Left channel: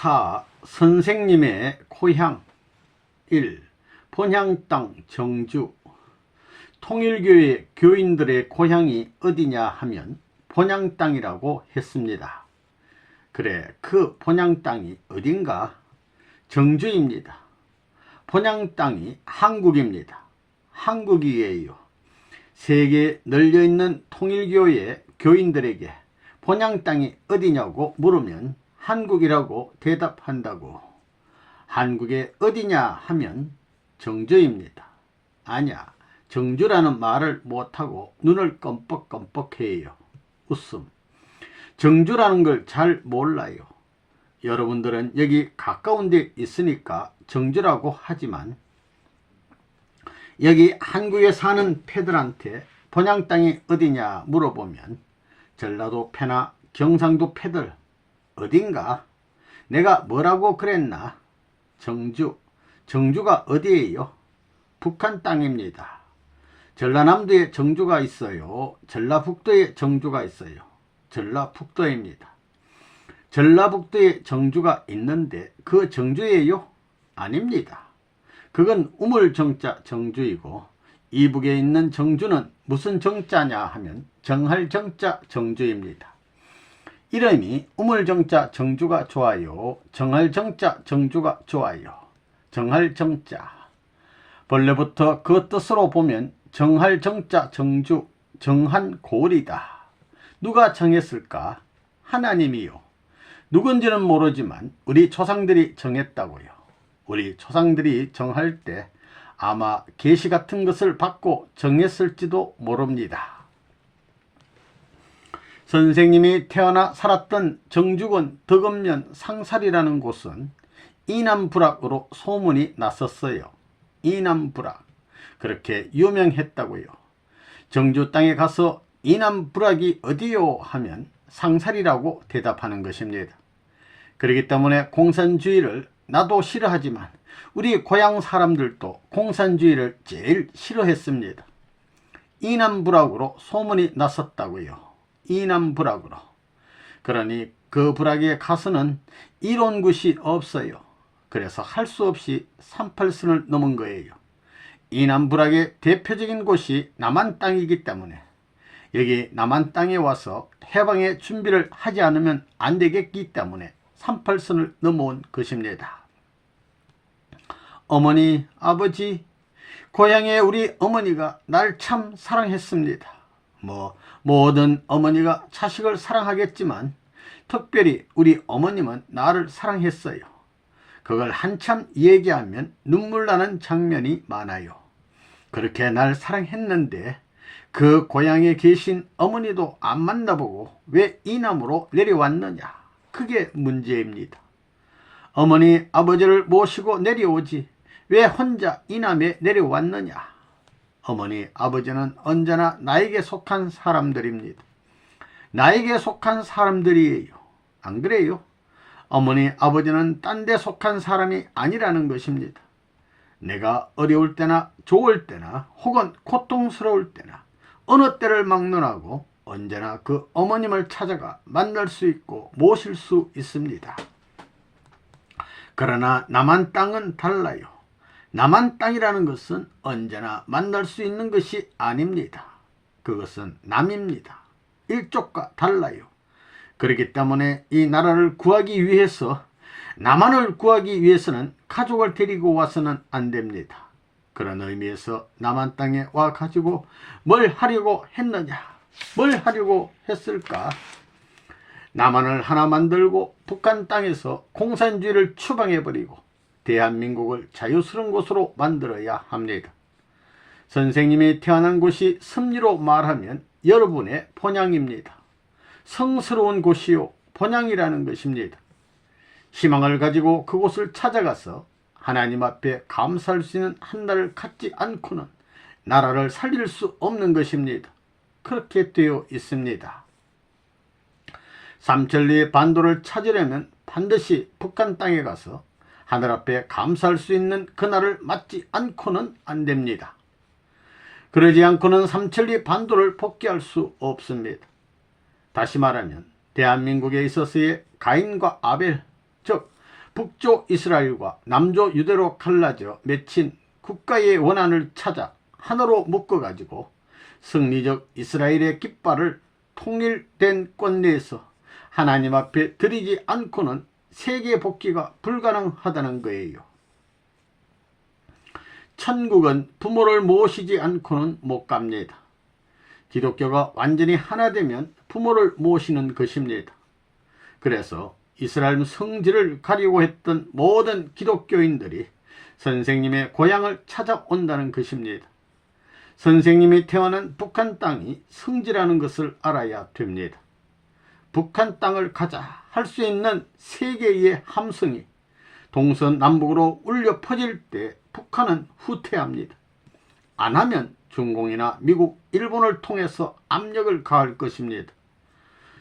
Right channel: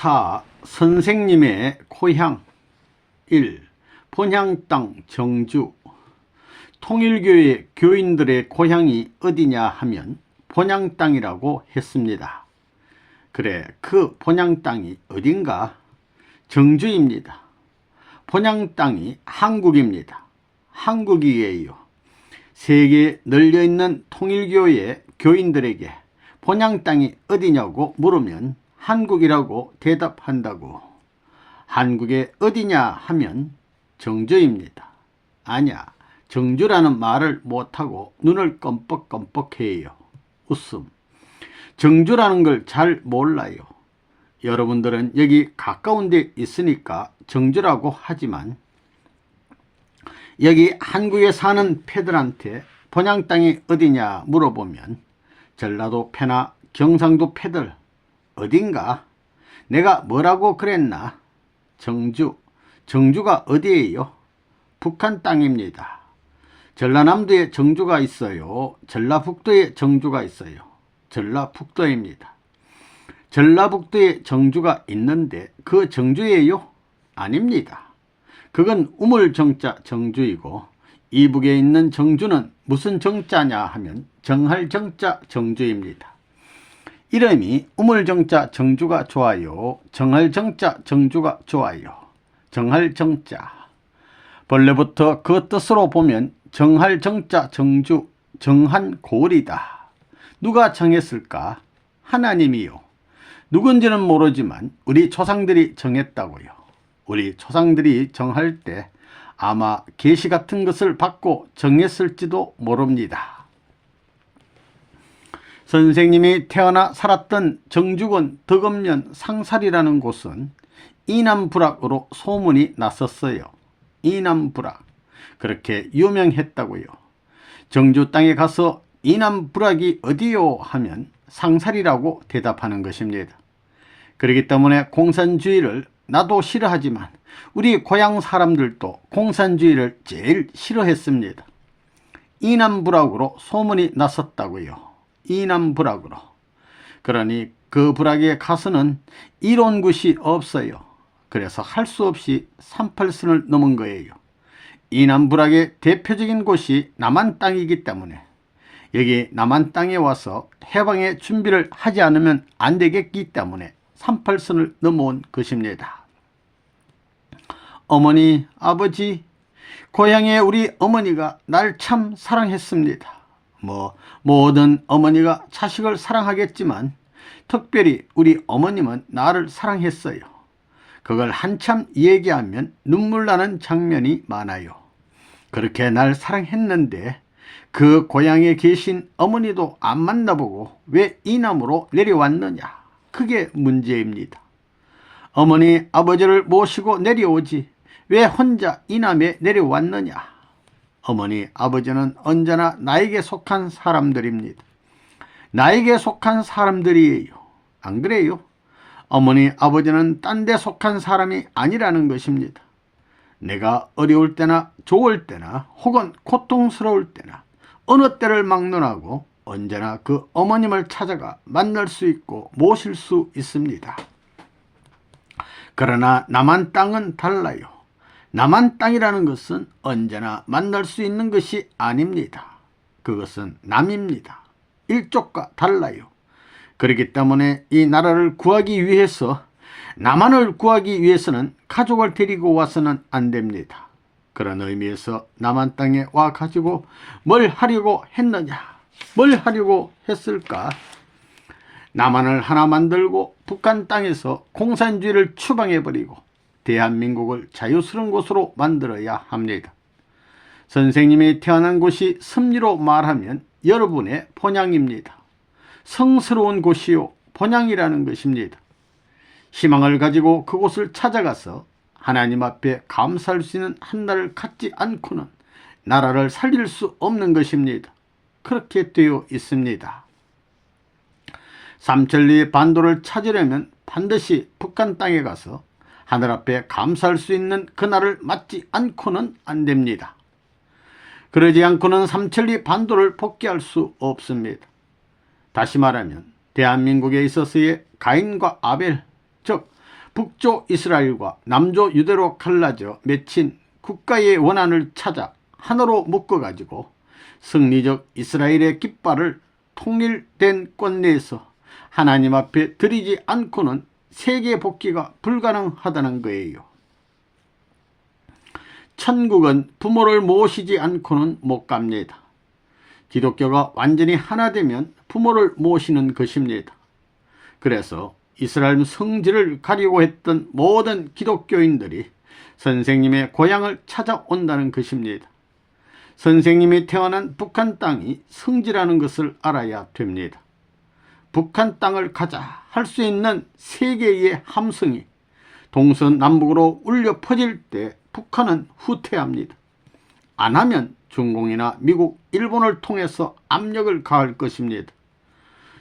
4. 선생님의 고향. 1. 본향 땅 정주. 통일교회 교인들의 고향이 어디냐 하면 본향 땅이라고 했습니다. 그래, 그 본향 땅이 어딘가? 정주입니다. 본향 땅이 한국입니다. 한국이에요. 세계에 널려있는 통일교회 교인들에게 본향 땅이 어디냐고 물으면 한국이라고 대답한다고. 한국에 어디냐 하면 정주입니다. 아니야, 정주라는 말을 못하고 눈을 껌뻑껌뻑해요. 웃음. 정주라는 걸 잘 몰라요. 여러분들은 여기 가까운 데 있으니까 정주라고 하지만 여기 한국에 사는 패들한테 본향 땅이 어디냐 물어보면 전라도 패나 경상도 패들 어딘가? 내가 뭐라고 그랬나? 정주가 어디예요? 북한 땅입니다. 전라남도에 정주가 있어요. 전라북도에 정주가 있어요. 전라북도입니다. 전라북도에 정주가 있는데 그 정주예요? 아닙니다. 그건 우물정자 정주이고 이북에 있는 정주는 무슨 정자냐 하면 정할정자 정주입니다. 이름이 우물정자 정주가 좋아요. 정할정자 정주가 좋아요. 정할정자. 본래부터 그 뜻으로 보면 정할정자 정주, 정한고을이다. 누가 정했을까? 하나님이요. 누군지는 모르지만 우리 조상들이 정했다고요. 우리 조상들이 정할 때 아마 계시 같은 것을 받고 정했을지도 모릅니다. 선생님이 태어나 살았던 정주군 덕엄면 상살이라는 곳은 이남부락으로 소문이 났었어요. 이남부락. 그렇게 유명했다고요. 정주 땅에 가서 이남부락이 어디요 하면 상살이라고 대답하는 것입니다. 그렇기 때문에 공산주의를 나도 싫어하지만 우리 고향 사람들도 공산주의를 제일 싫어했습니다. 이남부락으로 소문이 났었다고요. 이남부락으로. 그러니 그 부락에 가서는 이론 것이 없어요. 그래서 할 수 없이 38선을 넘은 거예요. 이남부락의 대표적인 곳이 남한 땅이기 때문에 여기 남한 땅에 와서 해방의 준비를 하지 않으면 안 되겠기 때문에 38선을 넘어온 것입니다. 어머니, 아버지, 고향에 우리 어머니가 날 참 사랑했습니다. 모든 어머니가 자식을 사랑하겠지만 특별히 우리 어머님은 나를 사랑했어요. 그걸 한참 얘기하면 눈물 나는 장면이 많아요. 그렇게 날 사랑했는데 그 고향에 계신 어머니도 안 만나보고 왜 이남으로 내려왔느냐? 그게 문제입니다. 어머니, 아버지를 모시고 내려오지 왜 혼자 이남에 내려왔느냐? 어머니, 아버지는 언제나 나에게 속한 사람들입니다. 나에게 속한 사람들이에요. 안 그래요? 어머니, 아버지는 딴 데 속한 사람이 아니라는 것입니다. 내가 어려울 때나 좋을 때나 혹은 고통스러울 때나 어느 때를 막론하고 언제나 그 어머님을 찾아가 만날 수 있고 모실 수 있습니다. 그러나 남한 땅은 달라요. 남한 땅이라는 것은 언제나 만날 수 있는 것이 아닙니다. 그것은 남입니다. 일족과 달라요. 그렇기 때문에 이 나라를 구하기 위해서 남한을 구하기 위해서는 가족을 데리고 와서는 안 됩니다. 그런 의미에서 남한 땅에 와가지고 뭘 하려고 했느냐? 뭘 하려고 했을까? 남한을 하나 만들고 북한 땅에서 공산주의를 추방해버리고 대한민국을 자유스러운 곳으로 만들어야 합니다. 선생님이 태어난 곳이 섭리로 말하면 여러분의 본향입니다. 성스러운 곳이요 본향이라는 것입니다. 희망을 가지고 그곳을 찾아가서 하나님 앞에 감사할 수 있는 한 날을 갖지 않고는 나라를 살릴 수 없는 것입니다. 그렇게 되어 있습니다. 삼천리의 반도를 찾으려면 반드시 북한 땅에 가서 하늘 앞에 감사할 수 있는 그날을 맞지 않고는 안 됩니다. 그러지 않고는 삼천리 반도를 복귀할 수 없습니다. 다시 말하면 대한민국에 있어서의 가인과 아벨, 즉 북조 이스라엘과 남조 유대로 갈라져 맺힌 국가의 원한을 찾아 하나로 묶어가지고 승리적 이스라엘의 깃발을 통일된 꽃 내에서 하나님 앞에 드리지 않고는 세계 복귀가 불가능하다는 거예요. 천국은 부모를 모시지 않고는 못 갑니다. 기독교가 완전히 하나 되면 부모를 모시는 것입니다. 그래서 이스라엘 성지를 가려고 했던 모든 기독교인들이 선생님의 고향을 찾아온다는 것입니다. 선생님이 태어난 북한 땅이 성지라는 것을 알아야 됩니다. 북한 땅을 가자 할 수 있는 세계의 함성이 동서남북으로 울려 퍼질 때 북한은 후퇴합니다. 안 하면 중공이나 미국, 일본을 통해서 압력을 가할 것입니다.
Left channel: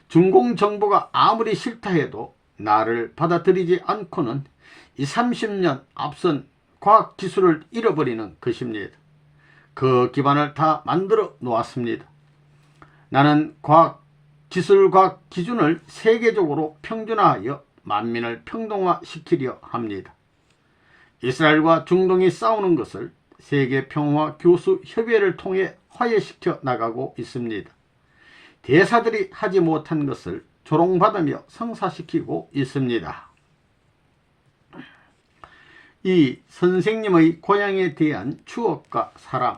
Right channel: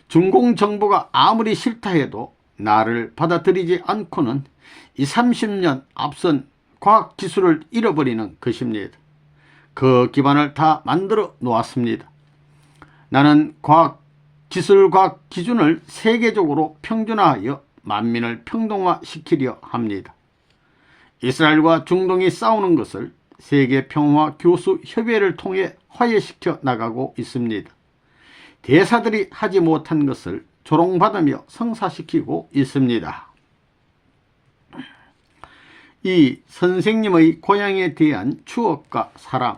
중공 정부가 아무리 싫다 해도 나를 받아들이지 않고는 30년 앞선 과학기술을 잃어버리는 것입니다. 그 기반을 다 만들어 놓았습니다. 나는 기술과학 기준을 세계적으로 평준화하여 만민을 평등화시키려 합니다. 이스라엘과 중동이 싸우는 것을 세계평화 교수 협의회를 통해 화해시켜 나가고 있습니다. 대사들이 하지 못한 것을 조롱받으며 성사시키고 있습니다. 이 선생님의 고향에 대한 추억과 사랑.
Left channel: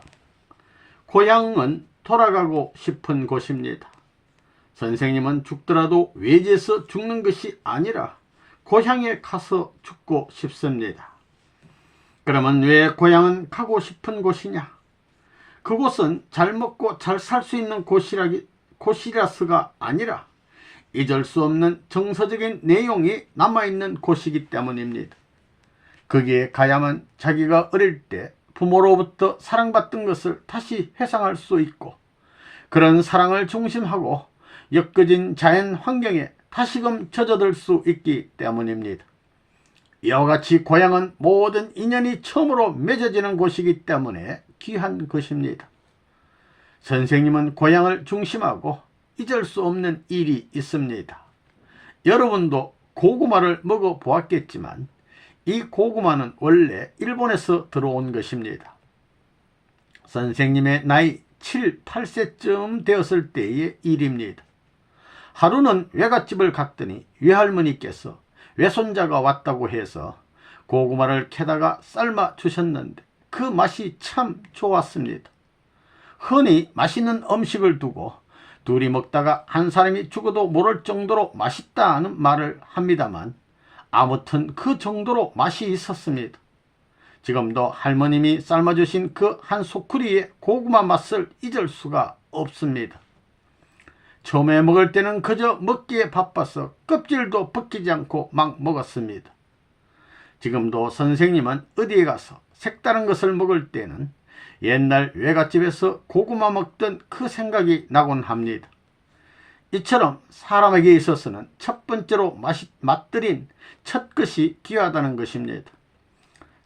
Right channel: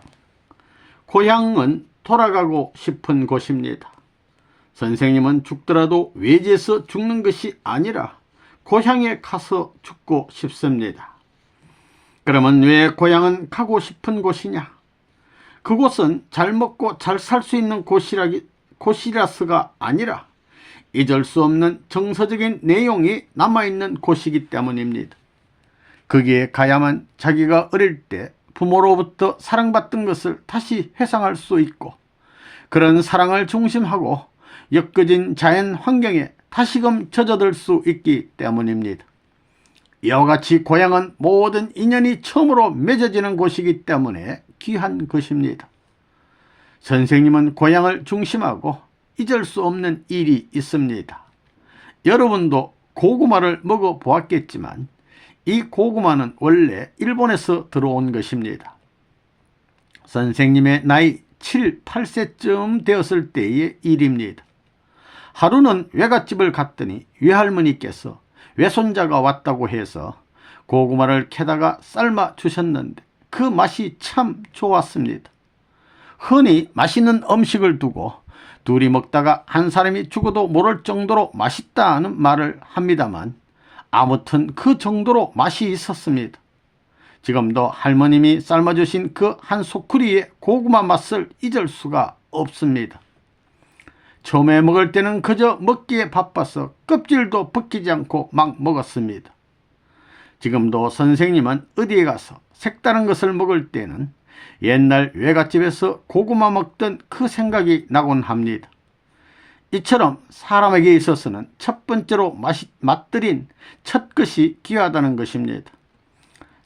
고향은 돌아가고 싶은 곳입니다. 선생님은 죽더라도 외지에서 죽는 것이 아니라 고향에 가서 죽고 싶습니다. 그러면 왜 고향은 가고 싶은 곳이냐? 그곳은 잘 먹고 잘 살 수 있는 곳이라서가 아니라 잊을 수 없는 정서적인 내용이 남아있는 곳이기 때문입니다. 거기에 가야만 자기가 어릴 때 부모로부터 사랑받던 것을 다시 회상할 수 있고 그런 사랑을 중심하고 엮어진 자연 환경에 다시금 젖어들 수 있기 때문입니다. 이와 같이 고향은 모든 인연이 처음으로 맺어지는 곳이기 때문에 귀한 것입니다. 선생님은 고향을 중심하고 잊을 수 없는 일이 있습니다. 여러분도 고구마를 먹어보았겠지만 이 고구마는 원래 일본에서 들어온 것입니다. 선생님의 나이 7, 8세쯤 되었을 때의 일입니다. 하루는 외갓집을 갔더니 외할머니께서 외손자가 왔다고 해서 고구마를 캐다가 삶아 주셨는데 그 맛이 참 좋았습니다. 흔히 맛있는 음식을 두고 둘이 먹다가 한 사람이 죽어도 모를 정도로 맛있다는 말을 합니다만 아무튼 그 정도로 맛이 있었습니다. 지금도 할머님이 삶아주신 그 한 소쿠리의 고구마 맛을 잊을 수가 없습니다. 처음에 먹을 때는 그저 먹기에 바빠서 껍질도 벗기지 않고 막 먹었습니다. 지금도 선생님은 어디에 가서 색다른 것을 먹을 때는 옛날 외갓집에서 고구마 먹던 그 생각이 나곤 합니다. 이처럼 사람에게 있어서는 첫 번째로 맛들인 첫 것이 귀하다는 것입니다.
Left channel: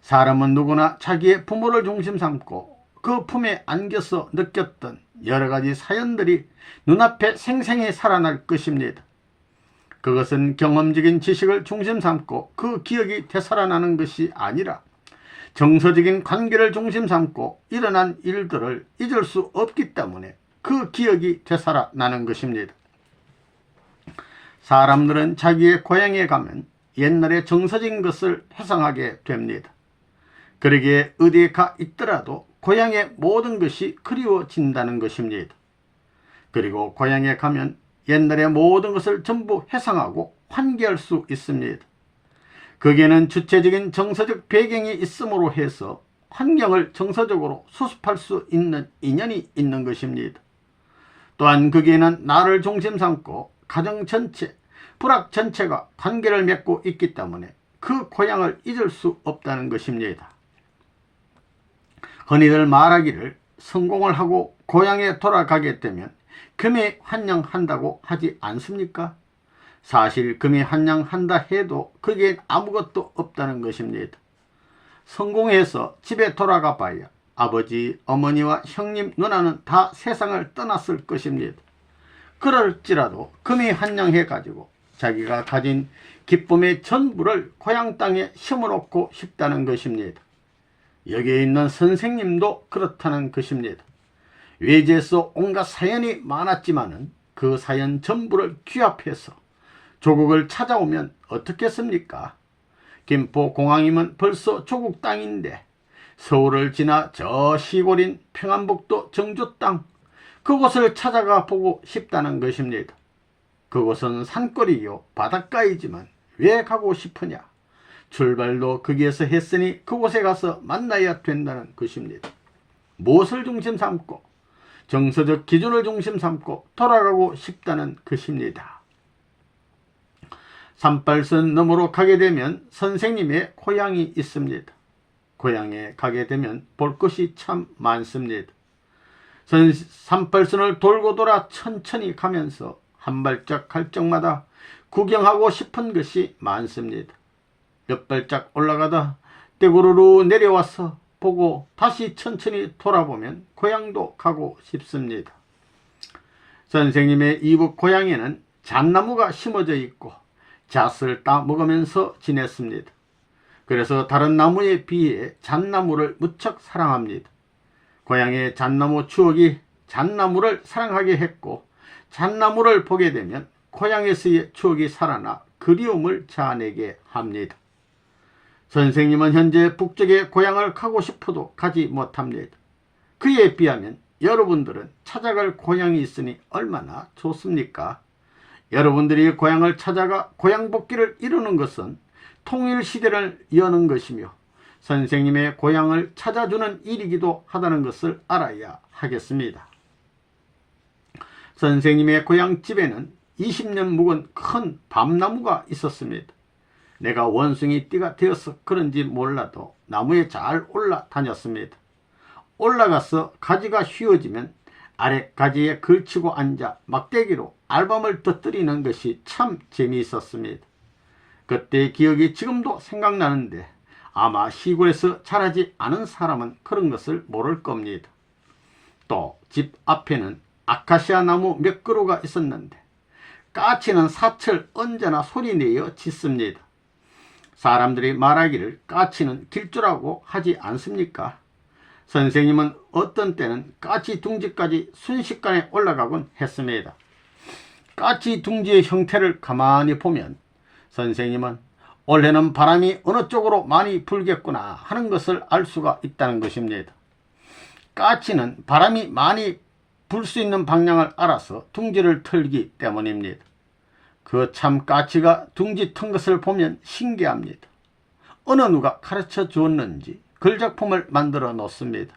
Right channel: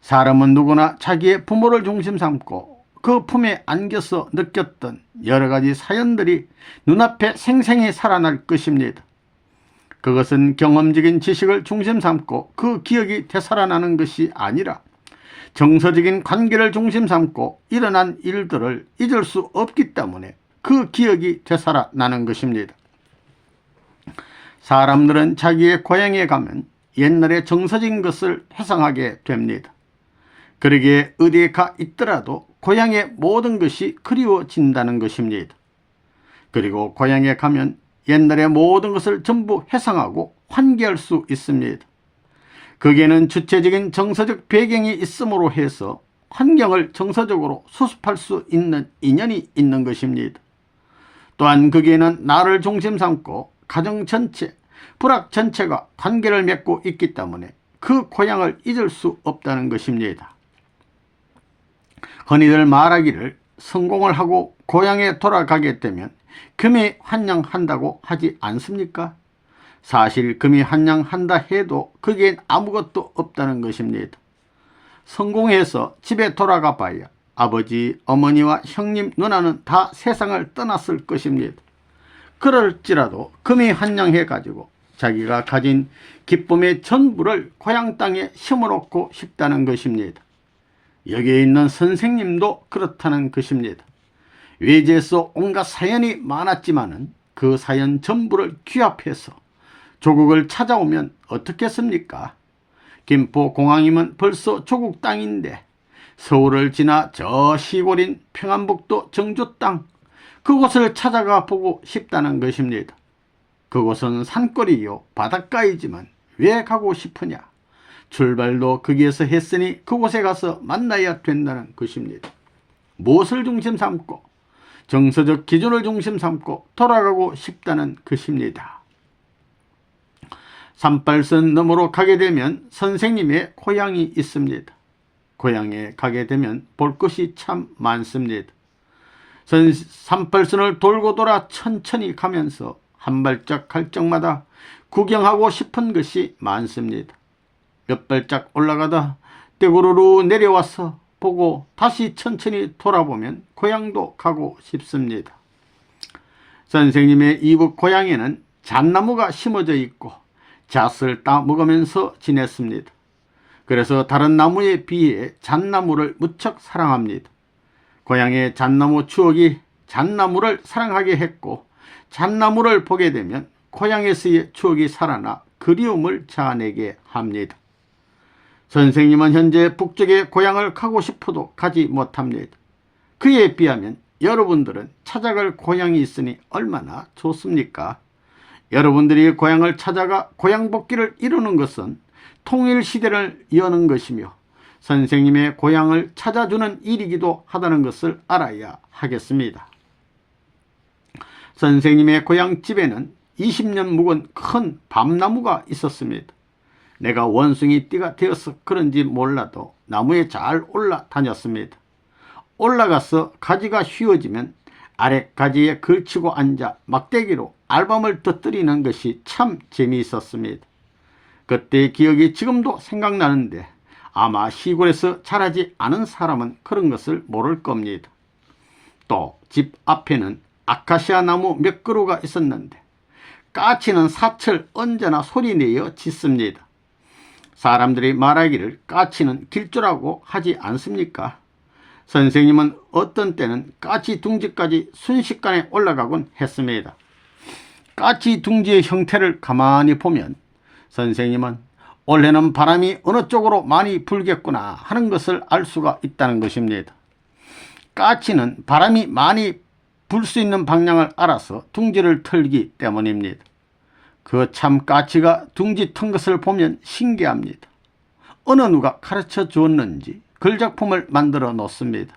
사람은 누구나 자기의 부모를 중심 삼고 그 품에 안겨서 느꼈던 여러 가지 사연들이 눈앞에 생생히 살아날 것입니다. 그것은 경험적인 지식을 중심 삼고 그 기억이 되살아나는 것이 아니라 정서적인 관계를 중심 삼고 일어난 일들을 잊을 수 없기 때문에 그 기억이 되살아나는 것입니다. 사람들은 자기의 고향에 가면 옛날의 정서적인 것을 회상하게 됩니다. 그러기에 어디에 가 있더라도 고향의 모든 것이 그리워진다는 것입니다. 그리고 고향에 가면 옛날의 모든 것을 전부 회상하고 환기할 수 있습니다. 거기에는 주체적인 정서적 배경이 있음으로 해서 환경을 정서적으로 수습할 수 있는 인연이 있는 것입니다. 또한 거기에는 나를 중심 삼고 가정 전체, 부락 전체가 관계를 맺고 있기 때문에 그 고향을 잊을 수 없다는 것입니다. 흔히들 말하기를 성공을 하고 고향에 돌아가게 되면 금이 환영한다고 하지 않습니까? 사실 금이 환영한다 해도 거기엔 아무것도 없다는 것입니다. 성공해서 집에 돌아가 봐야 아버지, 어머니와 형님, 누나는 다 세상을 떠났을 것입니다. 그럴지라도 금이 환영해 가지고 자기가 가진 기쁨의 전부를 고향 땅에 심어놓고 싶다는 것입니다. 여기에 있는 선생님도 그렇다는 것입니다. 외지에서 온갖 사연이 많았지만은 그 사연 전부를 귀합해서 조국을 찾아오면 어떻겠습니까? 김포공항이면 벌써 조국 땅인데 서울을 지나 저 시골인 평안북도 정조 땅, 그곳을 찾아가 보고 싶다는 것입니다. 그곳은 산골이요 바닷가이지만 왜 가고 싶으냐? 출발도 거기에서 했으니 그곳에 가서 만나야 된다는 것입니다. 무엇을 중심 삼고 정서적 기준을 중심 삼고 돌아가고 싶다는 것입니다. 산발선 너머로 가게 되면 선생님의 고향이 있습니다. 고향에 가게 되면 볼 것이 참 많습니다. 산발선을 돌고 돌아 천천히 가면서 한 발짝 갈 적마다 구경하고 싶은 것이 많습니다. 몇 발짝 올라가다 떼구르르 내려와서 보고 다시 천천히 돌아보면 고향도 가고 싶습니다. 선생님의 이북 고향에는 잣나무가 심어져 있고 잣을 따 먹으면서 지냈습니다. 그래서 다른 나무에 비해 잣나무를 무척 사랑합니다. 고향의 잣나무 추억이 잣나무를 사랑하게 했고 잣나무를 보게 되면 고향에서의 추억이 살아나 그리움을 자아내게 합니다. 선생님은 현재 북쪽의 고향을 가고 싶어도 가지 못합니다. 그에 비하면 여러분들은 찾아갈 고향이 있으니 얼마나 좋습니까? 여러분들이 고향을 찾아가 고향 복귀를 이루는 것은 통일시대를 여는 것이며 선생님의 고향을 찾아주는 일이기도 하다는 것을 알아야 하겠습니다. 선생님의 고향집에는 20년 묵은 큰 밤나무가 있었습니다. 내가 원숭이 띠가 되어서 그런지 몰라도 나무에 잘 올라다녔습니다. 올라가서 가지가 휘어지면 아래 가지에 걸치고 앉아 막대기로 알밤을 터뜨리는 것이 참 재미있었습니다. 그때의 기억이 지금도 생각나는데 아마 시골에서 자라지 않은 사람은 그런 것을 모를 겁니다. 또 집 앞에는 아카시아 나무 몇 그루가 있었는데 까치는 사철 언제나 소리내어 짖습니다. 사람들이 말하기를 까치는 길조라고 하지 않습니까? 선생님은 어떤 때는 까치 둥지까지 순식간에 올라가곤 했습니다. 까치 둥지의 형태를 가만히 보면 선생님은 올해는 바람이 어느 쪽으로 많이 불겠구나 하는 것을 알 수가 있다는 것입니다. 까치는 바람이 많이 불 수 있는 방향을 알아서 둥지를 털기 때문입니다. 그 참 까치가 둥지 턴 것을 보면 신기합니다. 어느 누가 가르쳐 주었는지 걸작품을 만들어 놓습니다.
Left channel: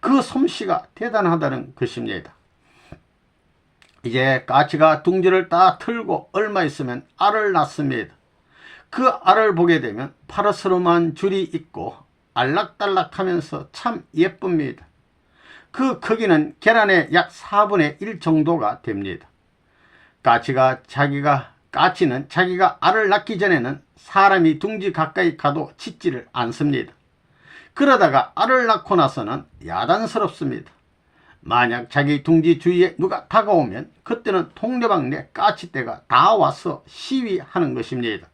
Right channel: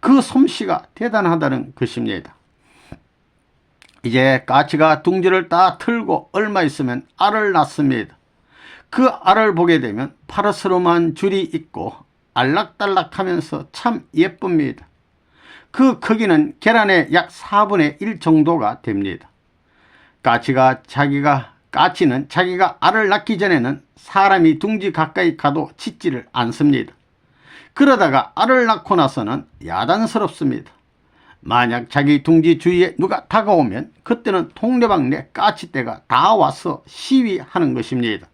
그 솜씨가 대단하다는 것입니다. 이제 까치가 둥지를 다 털고 얼마 있으면 알을 낳습니다. 그 알을 보게 되면 파르스름한 줄이 있고 알락달락하면서 참 예쁩니다. 그 크기는 계란의 약 4분의 1 정도가 됩니다. 까치는 자기가 알을 낳기 전에는 사람이 둥지 가까이 가도 짖지를 않습니다. 그러다가 알을 낳고 나서는 야단스럽습니다. 만약 자기 둥지 주위에 누가 다가오면 그때는 동네방네 까치떼가 다 와서 시위하는 것입니다.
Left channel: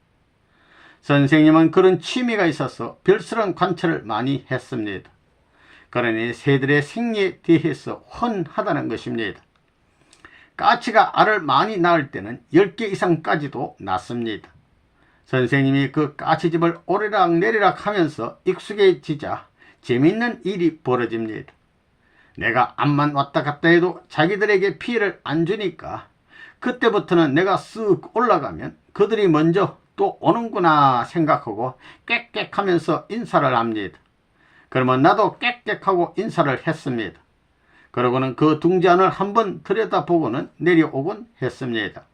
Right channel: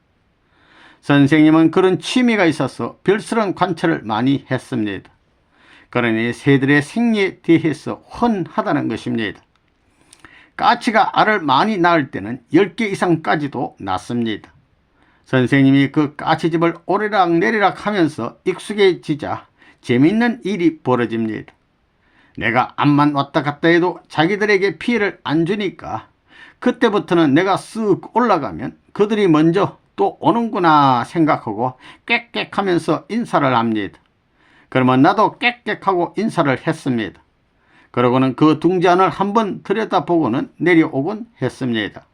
선생님은 그런 취미가 있어서 별스런 관찰을 많이 했습니다. 그러니 새들의 생리에 대해서 훤하다는 것입니다. 까치가 알을 많이 낳을 때는 10개 이상까지도 낳습니다. 선생님이 그 까치집을 오르락내리락 하면서 익숙해지자 재밌는 일이 벌어집니다. 내가 암만 왔다 갔다 해도 자기들에게 피해를 안 주니까 그때부터는 내가 쓱 올라가면 그들이 먼저 또 오는구나 생각하고 꽥꽥 하면서 인사를 합니다. 그러면 나도 꽥꽥하고 인사를 했습니다. 그러고는 그 둥지 안을 한번 들여다보고는 내려오곤 했습니다.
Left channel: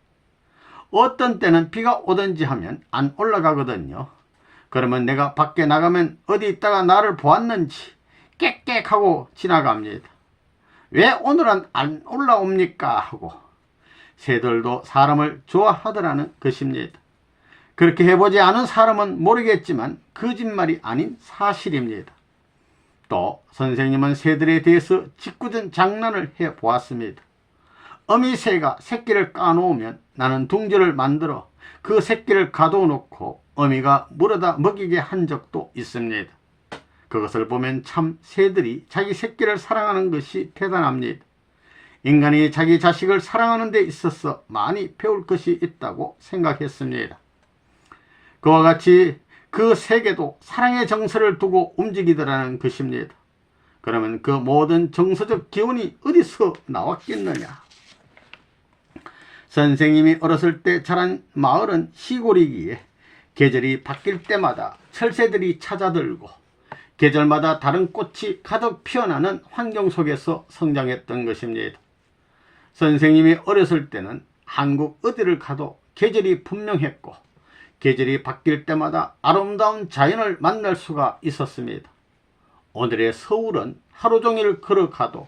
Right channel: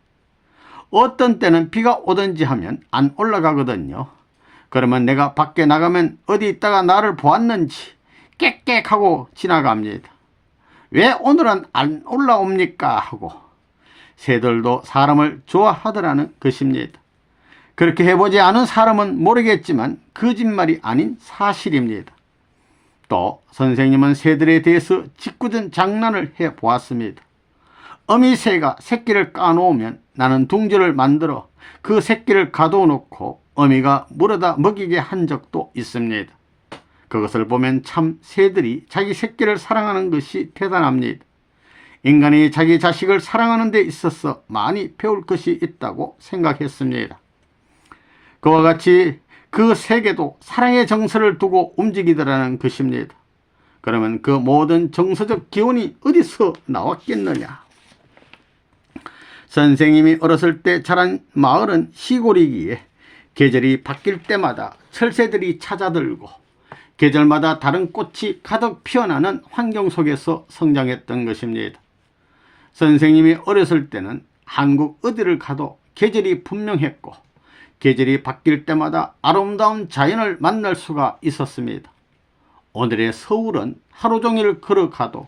어떤 때는 비가 오든지 하면 안 올라가거든요. 그러면 내가 밖에 나가면 어디 있다가 나를 보았는지 꽥꽥하고 지나갑니다. 왜 오늘은 안 올라옵니까? 하고 새들도 사람을 좋아하더라는 것입니다. 그렇게 해보지 않은 사람은 모르겠지만 거짓말이 아닌 사실입니다. 또 선생님은 새들에 대해서 짓궂은 장난을 해보았습니다. 어미새가 새끼를 까놓으면 나는 둥지를 만들어 그 새끼를 가둬놓고 어미가 물어다 먹이게 한 적도 있습니다. 그것을 보면 참 새들이 자기 새끼를 사랑하는 것이 대단합니다. 인간이 자기 자식을 사랑하는 데 있어서 많이 배울 것이 있다고 생각했습니다. 그와 같이 그 세계도 사랑의 정서를 두고 움직이더라는 것입니다. 그러면 그 모든 정서적 기운이 어디서 나왔겠느냐? 선생님이 어렸을 때 자란 마을은 시골이기에 계절이 바뀔 때마다 철새들이 찾아들고 계절마다 다른 꽃이 가득 피어나는 환경 속에서 성장했던 것입니다. 선생님이 어렸을 때는 한국 어디를 가도 계절이 분명했고 계절이 바뀔 때마다 아름다운 자연을 만날 수가 있었습니다. 오늘의 서울은 하루 종일 걸어가도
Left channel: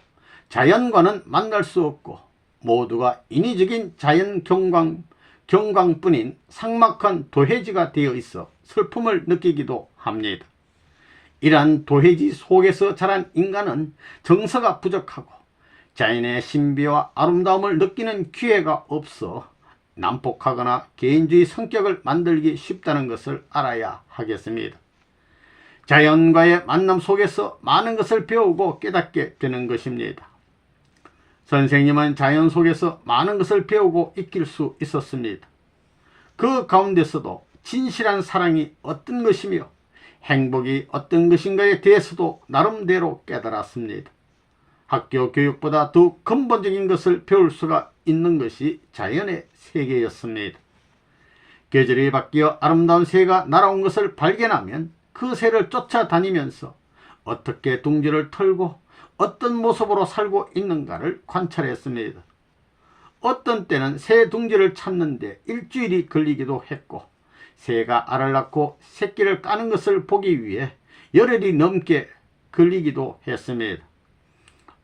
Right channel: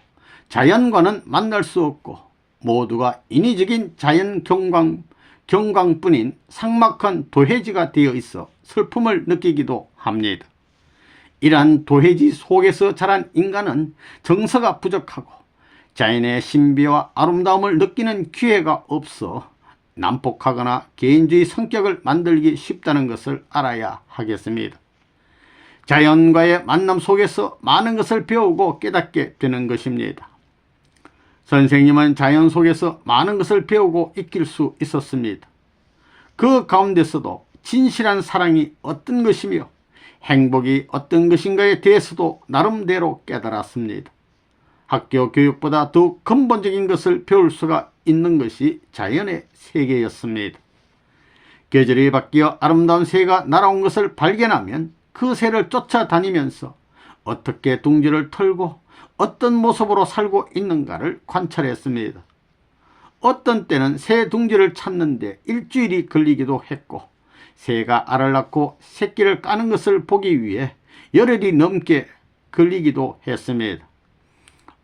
자연과는 만날 수 없고 모두가 인위적인 자연 경광뿐인 삭막한 도회지가 되어 있어 슬픔을 느끼기도 합니다. 이러한 도회지 속에서 자란 인간은 정서가 부족하고 자연의 신비와 아름다움을 느끼는 기회가 없어 난폭하거나 개인주의 성격을 만들기 쉽다는 것을 알아야 하겠습니다. 자연과의 만남 속에서 많은 것을 배우고 깨닫게 되는 것입니다. 선생님은 자연 속에서 많은 것을 배우고 익힐 수 있었습니다. 그 가운데서도 진실한 사랑이 어떤 것이며 행복이 어떤 것인가에 대해서도 나름대로 깨달았습니다. 학교 교육보다 더 근본적인 것을 배울 수가 있는 것이 자연의 세계였습니다. 계절이 바뀌어 아름다운 새가 날아온 것을 발견하면 그 새를 쫓아다니면서 어떻게 둥지를 털고 어떤 모습으로 살고 있는가를 관찰했습니다. 어떤 때는 새 둥지를 찾는데 일주일이 걸리기도 했고 새가 알을 낳고 새끼를 까는 것을 보기 위해 열흘이 넘게 걸리기도 했습니다.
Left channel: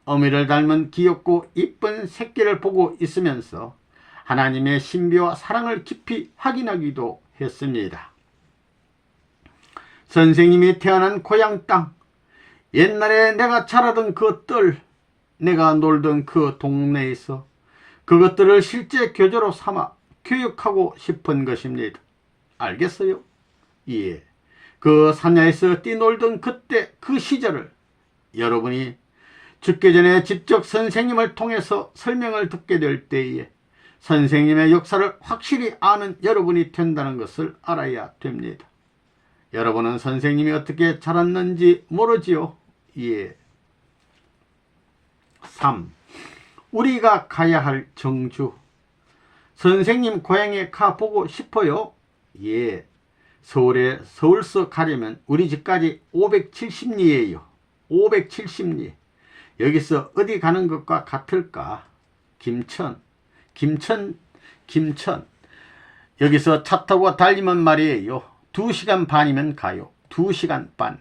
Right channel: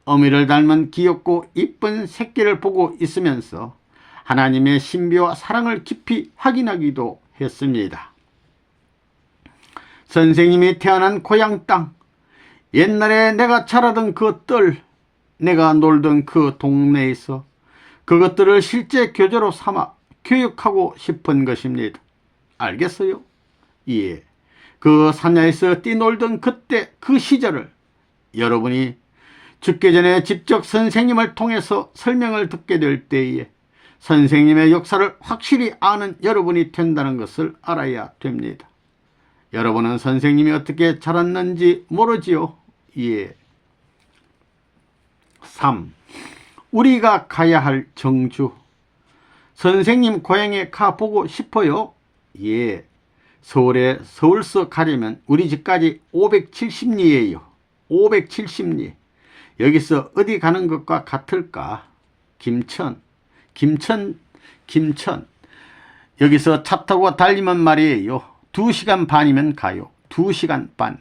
어미를 닮은 귀엽고 이쁜 새끼를 보고 있으면서 하나님의 신비와 사랑을 깊이 확인하기도 했습니다. 선생님이 태어난 고향 땅, 옛날에 내가 자라던 그 뜰, 내가 놀던 그 동네에서 그것들을 실제 교재로 삼아 교육하고 싶은 것입니다. 알겠어요? 예. 그 산야에서 뛰놀던 그때 그 시절을 여러분이 죽기 전에 직접 선생님을 통해서 설명을 듣게 될 때에 선생님의 역사를 확실히 아는 여러분이 된다는 것을 알아야 됩니다. 여러분은 선생님이 어떻게 자랐는지 모르지요? 예. 3. 우리가 가야 할 정주. 선생님 고향에 가보고 싶어요? 예. 서울서 가려면 우리 집까지 570리예요. 570리. 여기서 어디 가는 것과 같을까? 김천. 여기서 차 타고 달리면 말이에요. 2시간 반이면 가요. 2시간 반.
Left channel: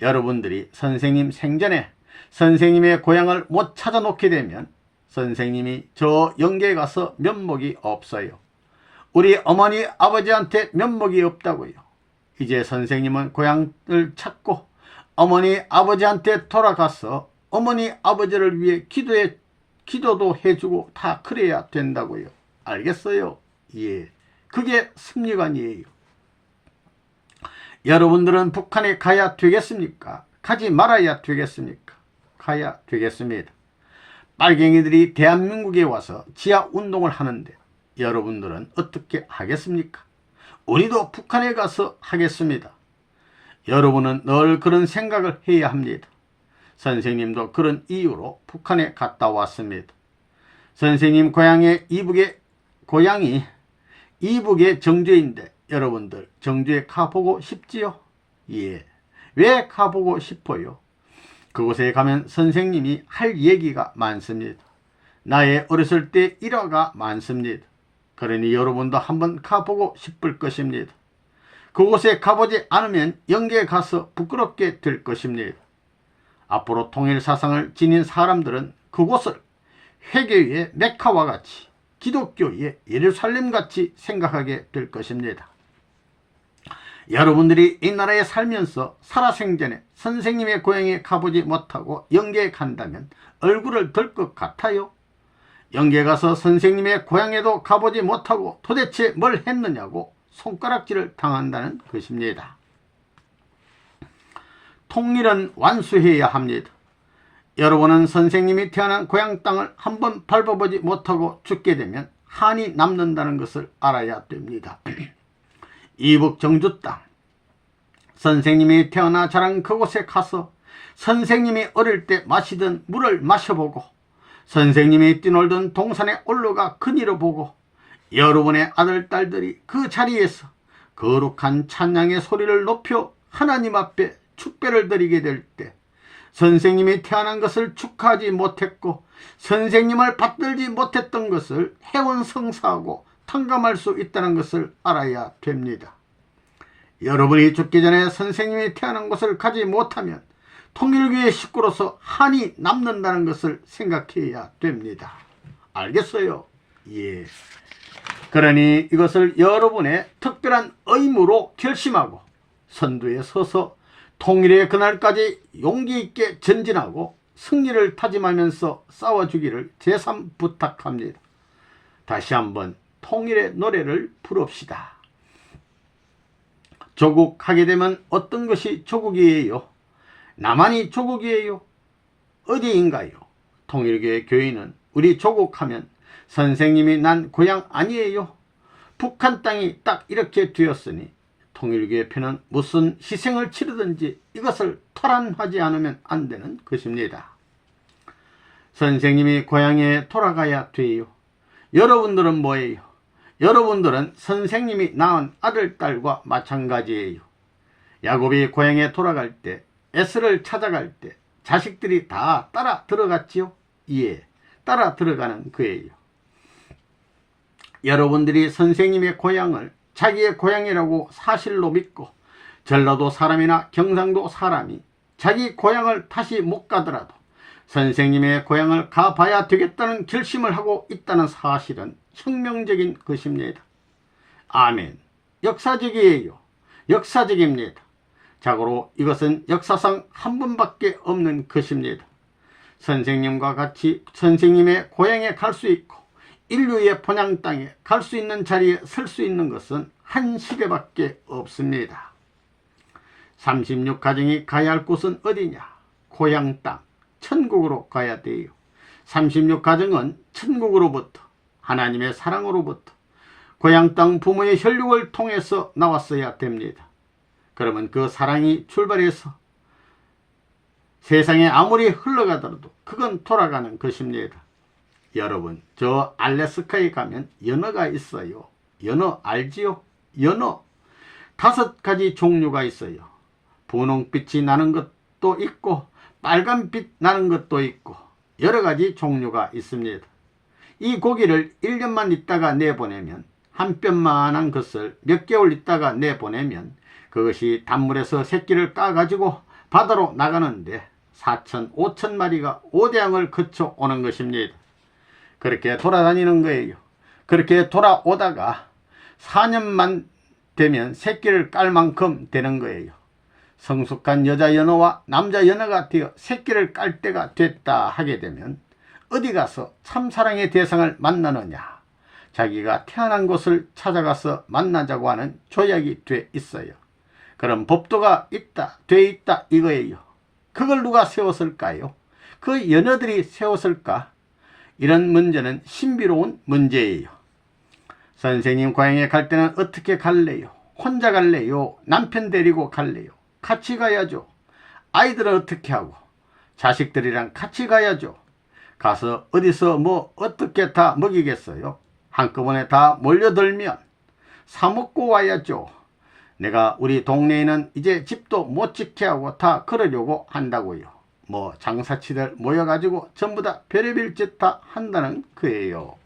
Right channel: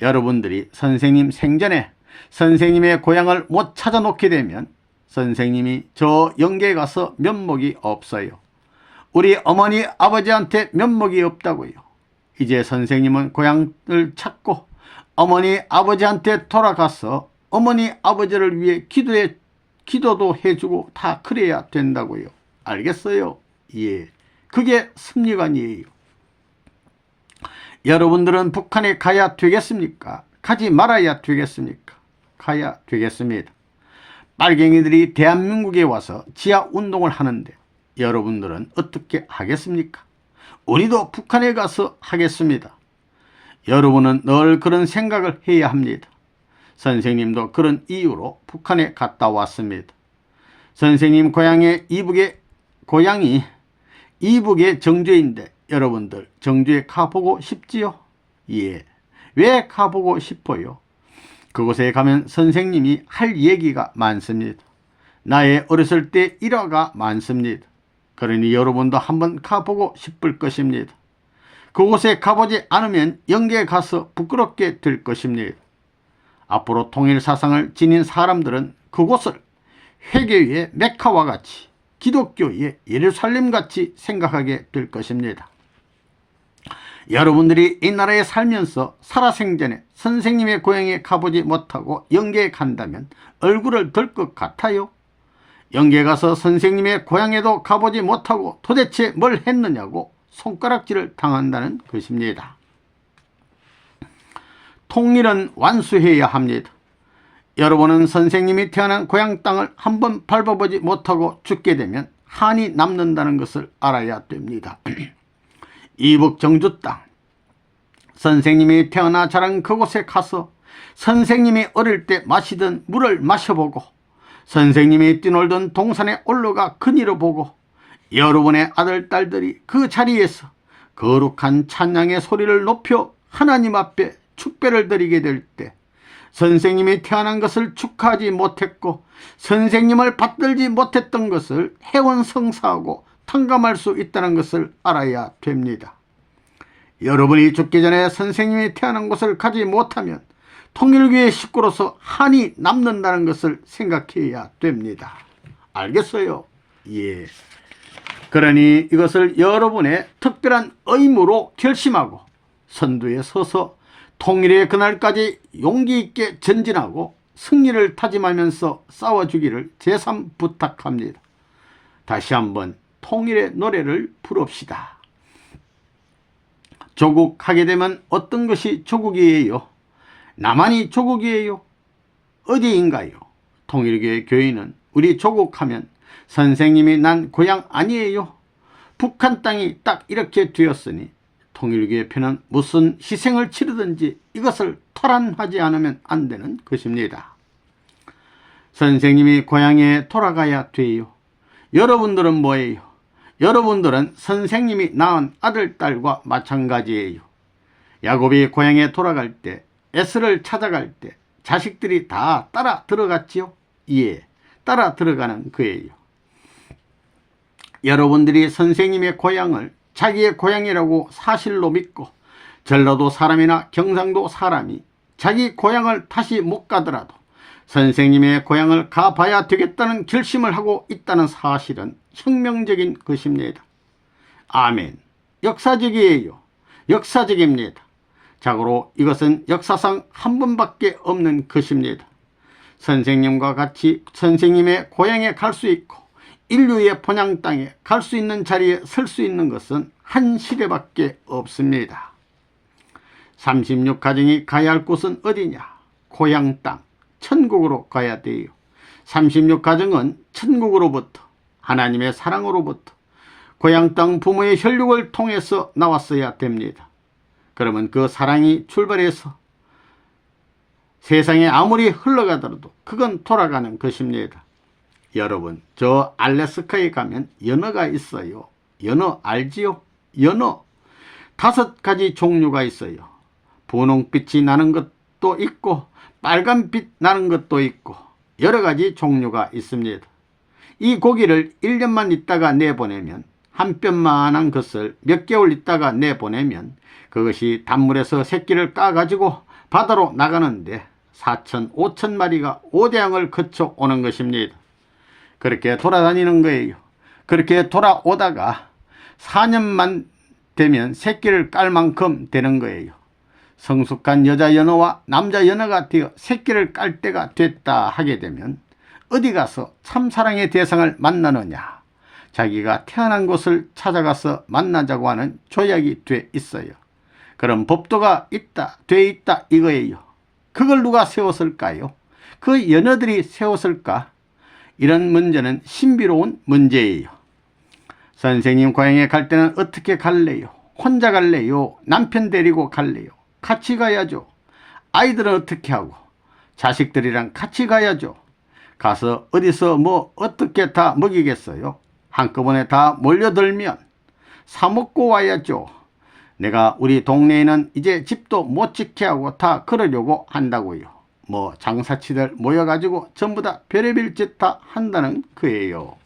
여러분들이 선생님 생전에 선생님의 고향을 못 찾아놓게 되면 선생님이 저 영계에 가서 면목이 없어요. 우리 어머니 아버지한테 면목이 없다고요. 이제 선생님은 고향을 찾고 어머니 아버지한테 돌아가서 어머니 아버지를 위해 기도도 해주고 다 그래야 된다고요. 알겠어요? 예. 그게 섭리관이에요. 여러분들은 북한에 가야 되겠습니까? 가지 말아야 되겠습니까? 가야 되겠습니다. 빨갱이들이 대한민국에 와서 지하운동을 하는데 여러분들은 어떻게 하겠습니까? 우리도 북한에 가서 하겠습니다. 여러분은 늘 그런 생각을 해야 합니다. 선생님도 그런 이유로 북한에 갔다 왔습니다. 선생님 고향이 이북의 정주인데 여러분들 정주에 가보고 싶지요? 예. 왜 가보고 싶어요? 그곳에 가면 선생님이 할 얘기가 많습니다. 나의 어렸을 때 일화가 많습니다. 그러니 여러분도 한번 가보고 싶을 것입니다. 그곳에 가보지 않으면 영계에 가서 부끄럽게 될 것입니다. 앞으로 통일 사상을 지닌 사람들은 그곳을 회개의 메카와 같이 기독교의 예루살렘같이 생각하게 될 것입니다. 여러분들이 이 나라에 살면서 살아생전에 선생님의 고향에 가보지 못하고 영계에 간다면 얼굴을 들 것 같아요? 영계 가서 선생님의 고향에도 가보지 못하고 도대체 뭘 했느냐고 손가락질을 당한다는 것입니다. 통일은 완수해야 합니다. 여러분은 선생님이 태어난 고향 땅을 한번 밟아보지 못하고 죽게 되면 한이 남는다는 것을 알아야 됩니다. 이북 정주 땅, 선생님이 태어나 자란 그곳에 가서 선생님이 어릴 때 마시던 물을 마셔보고 선생님이 뛰놀던 동산에 올라가 그늘을 보고 여러분의 아들, 딸들이 그 자리에서 거룩한 찬양의 소리를 높여 하나님 앞에 축배를 드리게 될 때 선생님이 태어난 것을 축하하지 못했고 선생님을 받들지 못했던 것을 해원성사하고 탕감할 수 있다는 것을 알아야 됩니다. 여러분이 죽기 전에 선생님이 태어난 곳을 가지 못하면 통일교의 식구로서 한이 남는다는 것을 생각해야 됩니다. 알겠어요? 예. 그러니 이것을 여러분의 특별한 의무로 결심하고 선두에 서서 통일의 그날까지 용기 있게 전진하고 승리를 타짐하면서 싸워주기를 제삼 부탁합니다. 다시 한번 통일의 노래를 부릅시다. 조국하게 되면 어떤 것이 조국이에요? 나만이 조국이에요? 어디인가요? 통일교의 교인은 우리 조국하면 선생님이 난 고향 아니에요? 북한 땅이 딱 이렇게 되었으니 통일교의 편은 무슨 희생을 치르든지 이것을 토란하지 않으면 안 되는 것입니다. 선생님이 고향에 돌아가야 돼요. 여러분들은 뭐예요? 여러분들은 선생님이 낳은 아들, 딸과 마찬가지예요. 야곱이 고향에 돌아갈 때, 에스를 찾아갈 때 자식들이 다 따라 들어갔지요? 예, 따라 들어가는 거예요. 여러분들이 선생님의 고향을 자기의 고향이라고 사실로 믿고 전라도 사람이나 경상도 사람이 자기 고향을 다시 못 가더라도 선생님의 고향을 가봐야 되겠다는 결심을 하고 있다는 사실은 혁명적인 것입니다. 아멘. 역사적이에요. 역사적입니다. 자고로 이것은 역사상 한 번밖에 없는 것입니다. 선생님과 같이 선생님의 고향에 갈 수 있고 인류의 본향 땅에 갈 수 있는 자리에 설 수 있는 것은 한 시대밖에 없습니다. 36가정이 가야 할 곳은 어디냐? 고향 땅, 천국으로 가야 돼요. 36가정은 천국으로부터, 하나님의 사랑으로부터, 고향 땅 부모의 혈육을 통해서 나왔어야 됩니다. 그러면 그 사랑이 출발해서 세상에 아무리 흘러가더라도 그건 돌아가는 것입니다. 여러분, 저 알래스카에 가면 연어가 있어요. 연어 알지요? 연어 5가지 종류가 있어요. 분홍빛이 나는 것도 있고 빨간빛 나는 것도 있고 여러 가지 종류가 있습니다. 이 고기를 1년만 있다가 내보내면 한 뼘만한 것을 몇 개월 있다가 내보내면 그것이 단물에서 새끼를 까가지고 바다로 나가는데 4천, 5천 마리가 오대양을 거쳐 오는 것입니다. 그렇게 돌아다니는 거예요. 그렇게 돌아오다가 4년만 되면 새끼를 깔 만큼 되는 거예요. 성숙한 여자 연어와 남자 연어가 되어 새끼를 깔 때가 됐다 하게 되면 어디 가서 참사랑의 대상을 만나느냐? 자기가 태어난 곳을 찾아가서 만나자고 하는 조약이 돼 있어요. 그럼 법도가 있다, 돼 있다 이거예요. 그걸 누가 세웠을까요? 그 연어들이 세웠을까? 이런 문제는 신비로운 문제예요. 선생님 고향에 갈 때는 어떻게 갈래요? 혼자 갈래요? 남편 데리고 갈래요? 같이 가야죠. 아이들은 어떻게 하고? 자식들이랑 같이 가야죠. 가서 어디서 뭐 어떻게 다 먹이겠어요? 한꺼번에 다 몰려들면 사 먹고 와야죠. 내가 우리 동네에는 이제 집도 못 지게 하고 다 그러려고 한다고요. 뭐 장사치들 모여가지고 전부 다 별의별 짓 다 한다는 거예요.